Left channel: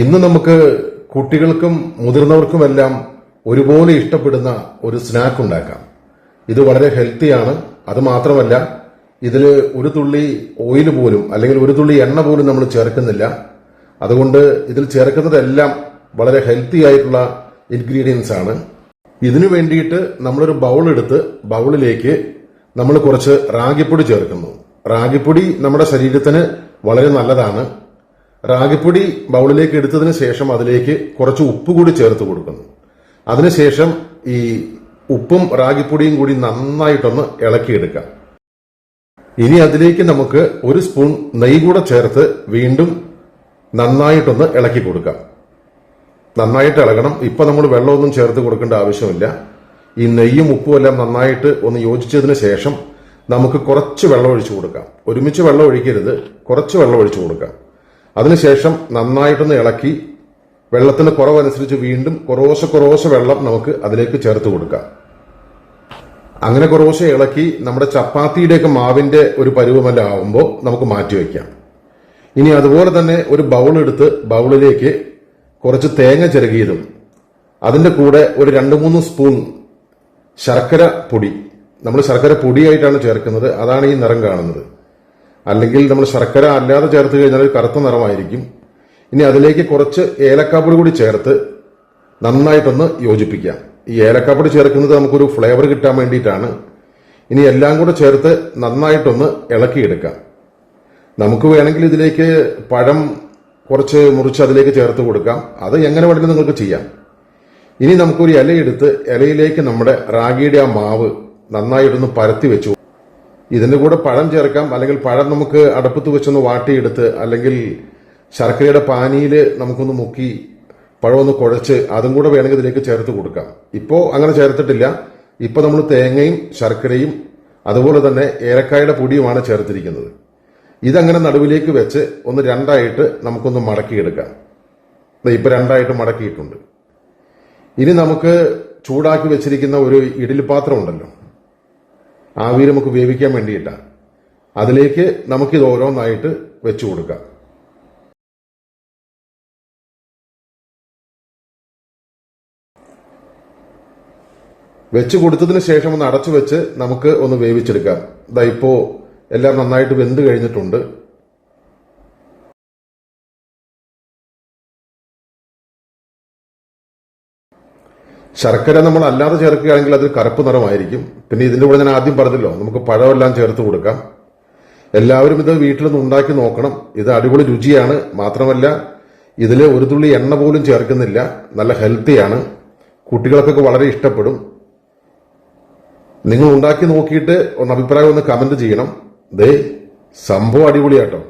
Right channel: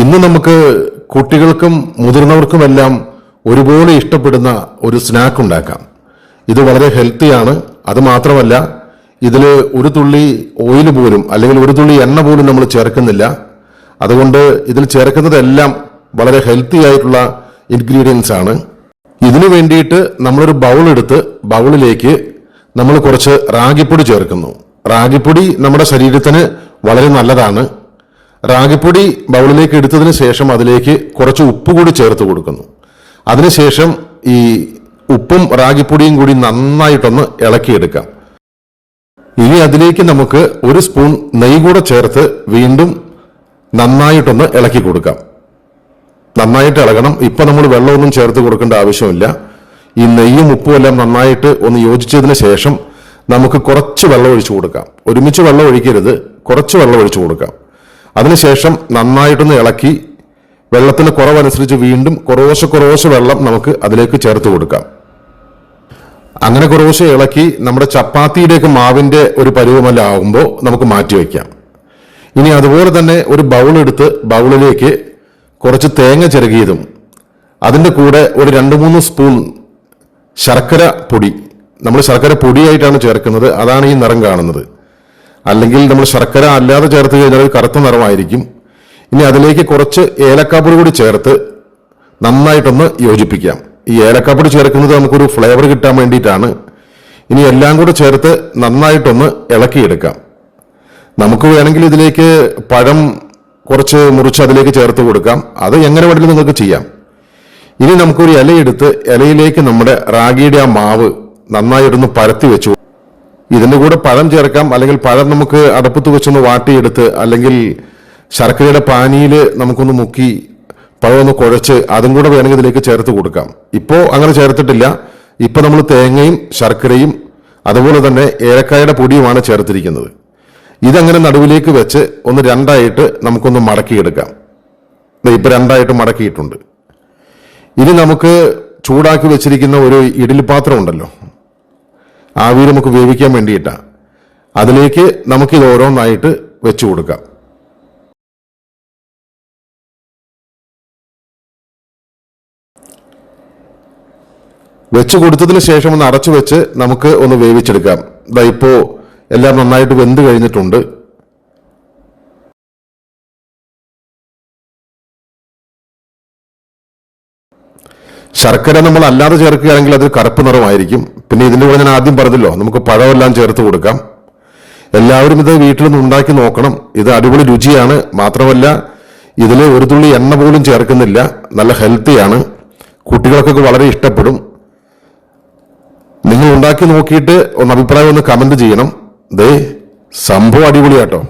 ഇന്ന് നമുക്ക് കുട്ടികൾക്കും മുതിർന്നവർക്കുമെല്ലാം ഒരുപോലെ ഇഷ്ടപ്പെടുന്ന ഒരു സ്നാക്ക് ഉണ്ടാക്കാം. ഇത് വളരെ ഹെൽത്തിയാണ് അത് മാത്രമല്ല ഇതിൽ ഒരു തുള്ളി ഓയിൽ പോലും അല്ലെങ്കിൽ ഒരു തുള്ളി എണ്ണ പോലും നമ്മൾ ചേർക്കുന്നില്ല. അതുകൊണ്ട് ഇതിൽ ചേർക്കുന്നതെല്ലാം വളരെ ഹെൽത്തി ആയിട്ടുള്ള ഇൻഗ്രീഡിയൻസ് ആണ്. ഇതിനു വേണ്ടിയിട്ട് നമ്മളൊരു ബൗൾ എടുത്ത് ബൗളിലേക്ക് നമ്മൾ കുറച്ച് റാഗിപ്പൊടി ചേർക്കുന്നു. റാഗിപ്പൊടി നമ്മുടെ ശരീരത്തിന് വളരെ നല്ലതാണ്. റാഗിപ്പൊടി ബൗളിലേക്ക് എടുത്തതിന് ശേഷം അതിലേക്ക് കുറച്ച് ഉപ്പ് കൂടി ചേർത്ത് കൊടുക്കുന്നു. അതിനുശേഷം ഈ ഉപ്പും റാഗിപ്പൊടിയും കൂടി നന്നായിട്ടൊന്ന് ഇളക്കിയെടുക്കാം. ഇനി അതിലേക്ക് നമുക്ക് ഒരു സ്പൂൺ നെയ്യ് കൂടെ ചേർത്ത് വീണ്ടും നന്നായിട്ടൊന്ന് ഇളക്കി കൊടുക്കാം. നന്നായിട്ട് ഇളകണം. ഇപ്പൊ നമ്മൾ വെള്ളമൊന്നും ചേർത്ത് കൊടുക്കേണ്ട ആവശ്യമില്ല. ഈ നെയ്യും ഉപ്പും എല്ലാം നന്നായിട്ട് ഒന്ന് യോജിച്ചതിന് ശേഷം നമുക്ക് കുറച്ച് വെള്ളം ഒഴിച്ചു കൊടുക്കാം. ഒരുമിച്ച് വെള്ളം ഒഴിക്കരുത്. കുറച്ച് വെള്ളം ഒഴിച്ചു കൊടുക്കാം. അതിനുശേഷം നന്നായിട്ടൊന്ന് ഇളക്കി വെള്ളത്തിന് കുറവനുസരിച്ച് വീണ്ടും കുറവശ കുറവശ വെള്ളം നമുക്ക് അതിലേക്ക് ചേർത്ത് കൊടുക്കാം. അങ്ങനെ കുറവശ ഇളക്കി നമ്മുടെ ചപ്പാത്തിയുടെയൊക്കെ മാവിന്റെ ഒരു പരുവമല്ല ആകുമ്പോൾ നമുക്ക് മാറ്റി വയ്ക്കാം. ഇനി അതുപോലെ തന്നെ ഒരു ബൗൾ എടുത്ത് ബൗളിലേക്ക് കുറച്ച് തേങ്ങ ചിരകിയതും അതിന്റെ കൂടെ ഒരു രണ്ട് മൂന്ന് സ്പൂൺ ശർക്കര പൊടി. നമ്മൾ ശർക്കര പൊടിയായിട്ടാണ് ചേർക്കുന്നത്. അതാണ് ഈ നിറം കാണുന്നത്. അല്ലെങ്കിൽ നമ്മൾ ശർക്കര അല്ലാതെ ചേർത്ത് കഴിഞ്ഞാൽ ഒരു കറുത്ത നിറമായിരിക്കും. ഇനി അതിലേക്ക് കുറച്ച് ഏലക്കാപ്പൊടി കൂടി ചേർത്ത് നന്നായിട്ടൊന്ന് യോജിപ്പിക്കാം. ഈ ഏലക്കാപ്പൊടി ചേർക്കുന്നത് നമുക്കൊരു ഫ്ലേവർ കിട്ടാൻ വേണ്ടിയിട്ടാണ്. ഇനി എല്ലാം കൂടെ ചേർത്ത് നന്നായിട്ടൊന്ന് ഇളക്കിയെടുക്കാം. നമുക്ക് വേണമെങ്കിൽ ഇതിലേക്ക് പഴം കുറച്ച് മുറിച്ച് അതിലേക്ക് ചേർത്ത് കൊടുക്കാം. അത് എങ്ങനെ വേണമെങ്കിലും നിങ്ങൾക്ക് ചെയ്യാം. ഇനി നമുക്കൊരു ഇലയെടുത്ത് ഇലയിലേക്ക് നമ്മുടെ റാഗിയുടെ ആ മാവ് നന്നായിട്ടൊന്ന് പരത്തി വെച്ചു. ഇതിന്റെ കൂടെ പഴം ചേർക്കാം. അല്ലെങ്കിൽ പഴം നമുക്ക് അടുപ്പത്ത് വെച്ചൊന്ന് വാട്ടിയെടുത്ത് അല്ലെങ്കിൽ ശർക്കരയുടെ പാനിയിൽ നമുക്കൊന്ന് മുക്കി പഴം ഒന്ന് കുഴച്ച് അതും കൂടെ വേണമെങ്കിൽ ഇതിലേക്ക് ചേർത്ത് കൊടുക്കാം. ഇപ്പോൾ അങ്ങനെ ചേർത്തിട്ടില്ല. ഇപ്പോൾ നമ്മൾ തേങ്ങയും ശർക്കരയും അതുപോലെ തന്നെ ഏലക്കായുടെ പൊടിയുമാണ് ചേർത്തിരിക്കുന്നത്. ഇതങ്ങനെ നടുവിലേക്ക് വെച്ച് ഒന്ന് രണ്ടായിട്ട് നമുക്കൊന്ന് മടക്കിയെടുക്കാം. ഇപ്പം രണ്ടായിട്ട് മടക്കിയിട്ടുണ്ട്. ഇനി നമുക്ക് ചൂടാക്കി വെച്ചിരിക്കുന്ന ഒരു ഇഡലി പാത്രം ഉണ്ടല്ലോ. ആവിയിൽ നമുക്ക് വേവിക്കാൻ വേണ്ടിയിട്ടാണ് അതിലേക്ക് നമുക്കിത് ഓരോന്നായിട്ട് വെച്ചു കൊടുക്കാം. വെച്ച് കൊടുത്തതിന് ശേഷം ഒന്ന് അടച്ചു വെച്ച് നമുക്ക് ഒന്ന് വേവിച്ചെടുക്കാം. ഇതാ ഇപ്പോ എല്ലാം നന്നായിട്ട് വെന്ത് കഴിഞ്ഞിട്ടുണ്ട്. ശർക്കര നമ്മൾ അല്ലാതെ ചേർക്കുകയാണെങ്കിൽ അത് കറുപ്പ് നിറമായിരിക്കും. പിന്നെ ഇതിന്റെ കൂടെ ഞാൻ ആദ്യം പറഞ്ഞല്ലോ നമുക്ക് പഴമെല്ലാം ചേർത്ത് കൊടുക്കാം. എല്ലാവരും ഇത് വീട്ടിലൊന്ന് ഉണ്ടാക്കി നോക്കണം. ഇത് അടിപൊളി രുചിയാണ്. മാത്രമല്ല ഇതിൽ ഒരു തുള്ളി എണ്ണ പോലും ചേർക്കുന്നില്ല. നല്ല ഹെൽത്തിയാണ് കുട്ടികൾക്കൊക്കെ വളരെ ഇഷ്ടപ്പെടും. നിങ്ങൾ ഉണ്ടാക്കി നോക്കിയിട്ട് ഒന്ന് അഭിപ്രായം ഒന്ന് കമന്റ് ചെയ്യണം. ദേ സംഭവം അടിപൊളിയാട്ടോ.